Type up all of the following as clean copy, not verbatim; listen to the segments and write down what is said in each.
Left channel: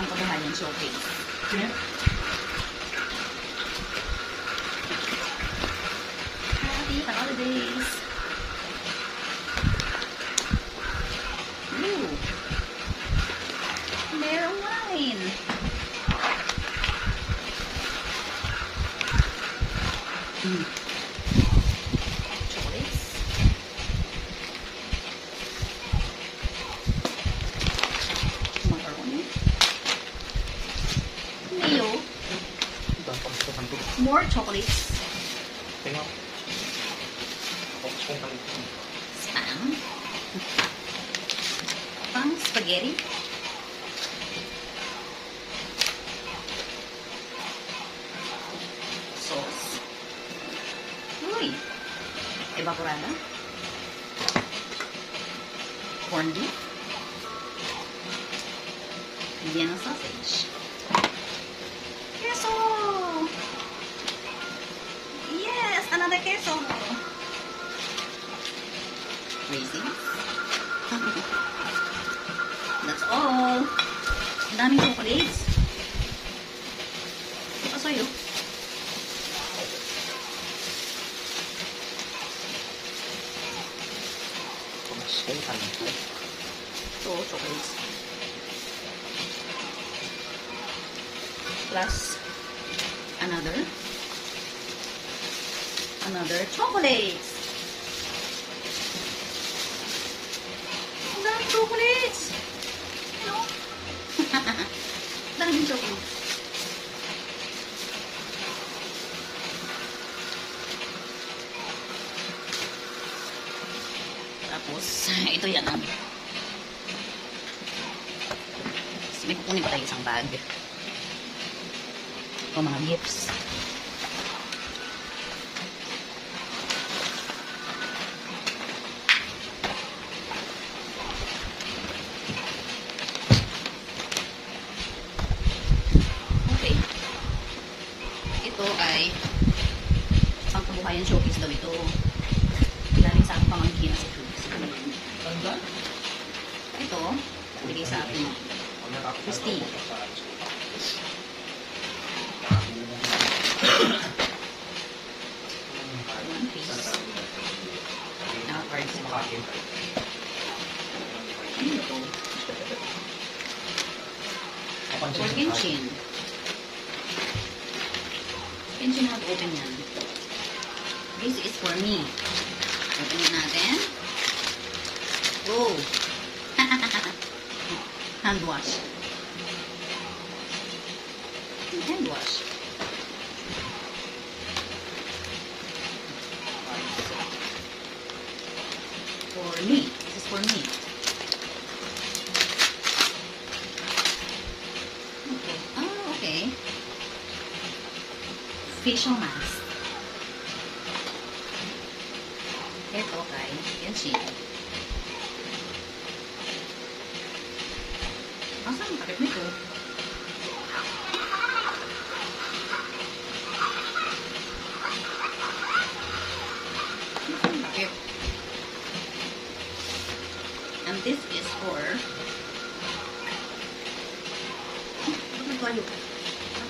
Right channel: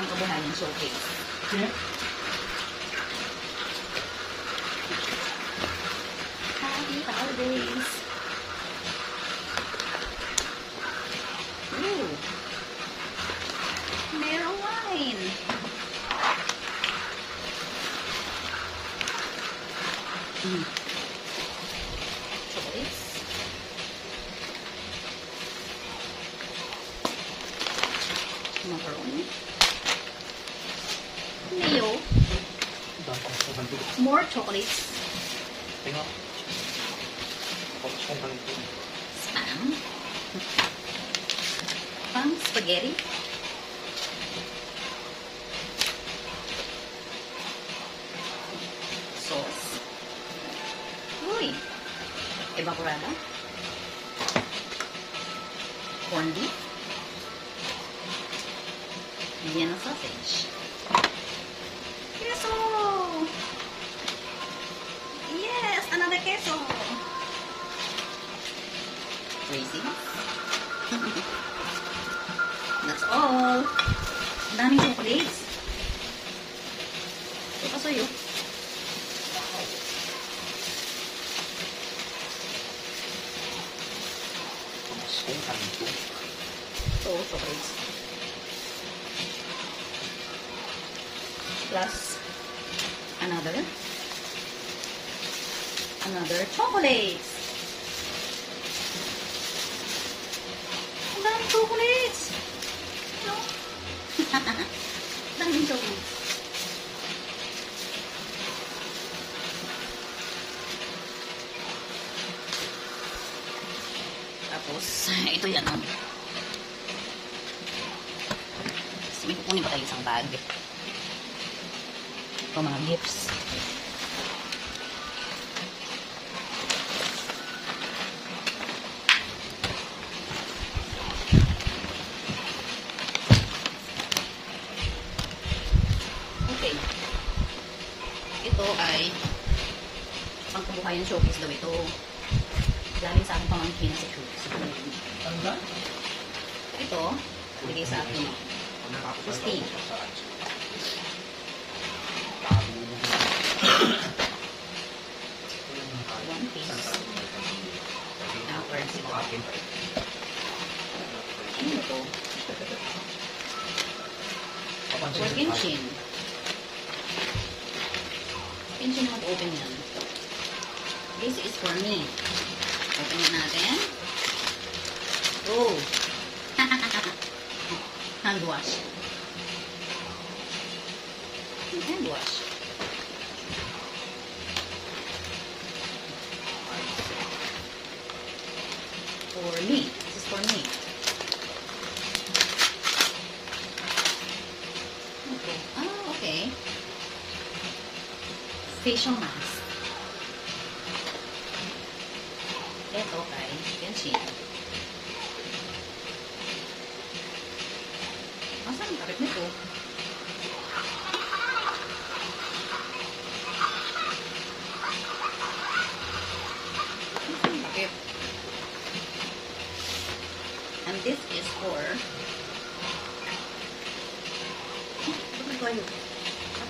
pangkabuhayan showcase. Sino? Happy holidays! Ooh! Merong wine! Chocolates. Macaroni. Mayo. More chocolates. Tingnan. Spam. Pang spaghetti. Sauce. Uy. Evaporado. Corned beef. Vienna sausage. Queso! Yes! Another queso! Raisins. That's all. Ang daming chocolates. Ito sa'yo. So, chocolates. Plus another chocolates. Ang daming chocolates. No? Daming chocolates. Tapos, ito yan. May kukunin pa tayo isang bag. Ito mga gifts. Okay. Ito ay pangkabuhayan showcase daw ito. Galing sa aking pamangkin sa showcase. Ito, bigay sa akin. Christine. One piece. Now, cards sa akin. Ano ito? For Kenshin. Kenshin na mag-open yan. This is for me. Open natin. Oh! Hand wash. Hand wash. For me. This is for me. Okay. Oh, okay. Facial mask. Ito kay Kenshin. Asan ang takip nito? Asan ang takip? And this is for... Ba't nagkayo?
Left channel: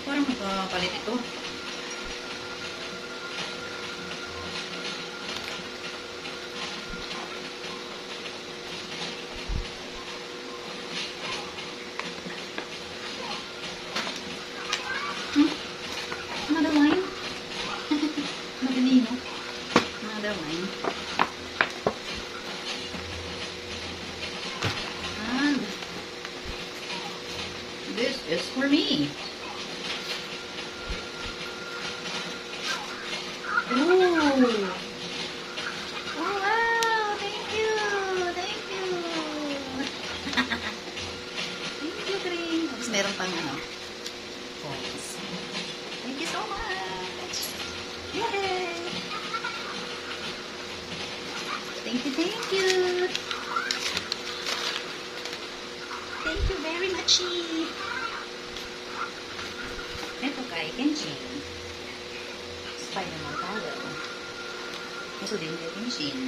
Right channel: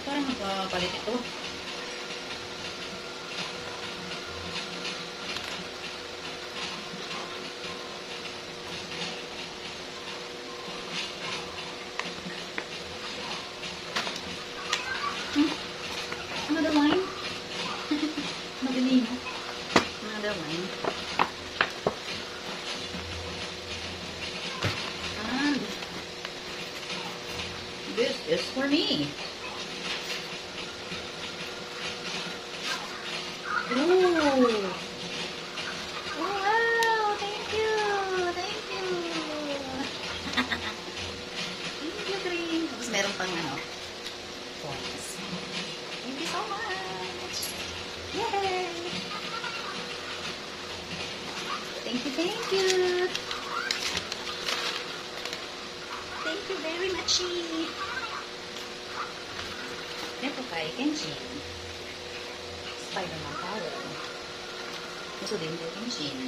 Parang magkapalit ito. Another wine? Madali, no? Another wine. And this is for me. Ooh. Oh, wow. Thank you. Thank you. Thank you, Green. Tapos meron pang coins. Thank you so much. Yay! Thank you, thank you. Thank you very much. Ito kay Kenshin. Spider-Man power. Gusto din kay Kenshin.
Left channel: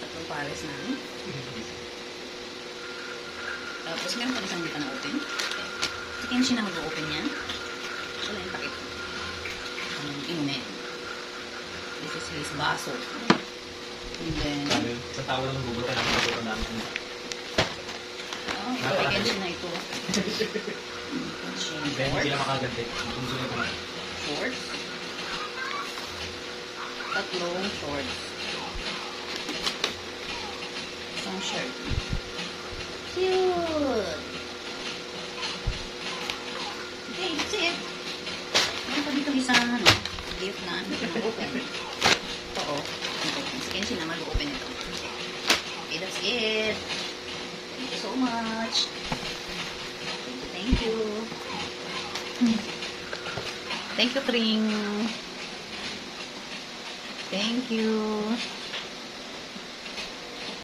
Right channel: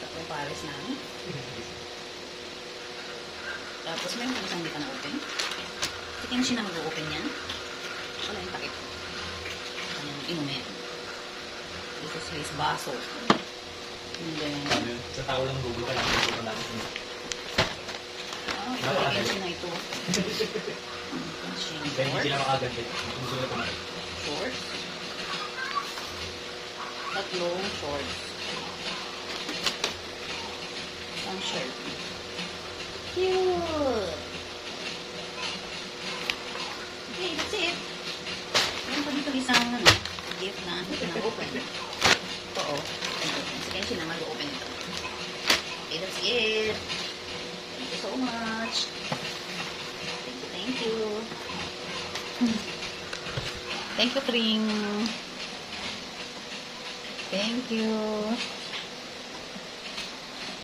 Tatlong pares na. Tapos meron pa isang hindi pa na-open. Si Kenshi na mag-open yan. Wala yung takip. Anong inumin. This is his baso. And then, sa tao lang gulo ka lang. Gulo ka lang. oh, ito ay Kenshi na ito. Kenshi. Kaya hindi sila makaganti. Kung sila ito na. Shorts. Tatlong shorts. Isang shirt. Cute! Okay, that's it. Meron pa dito isang gift na open. Oo. Sige, sila mag-open ito. Okay, that's it. Thank you so much. Thank you. Thank you, Pring. Thank you.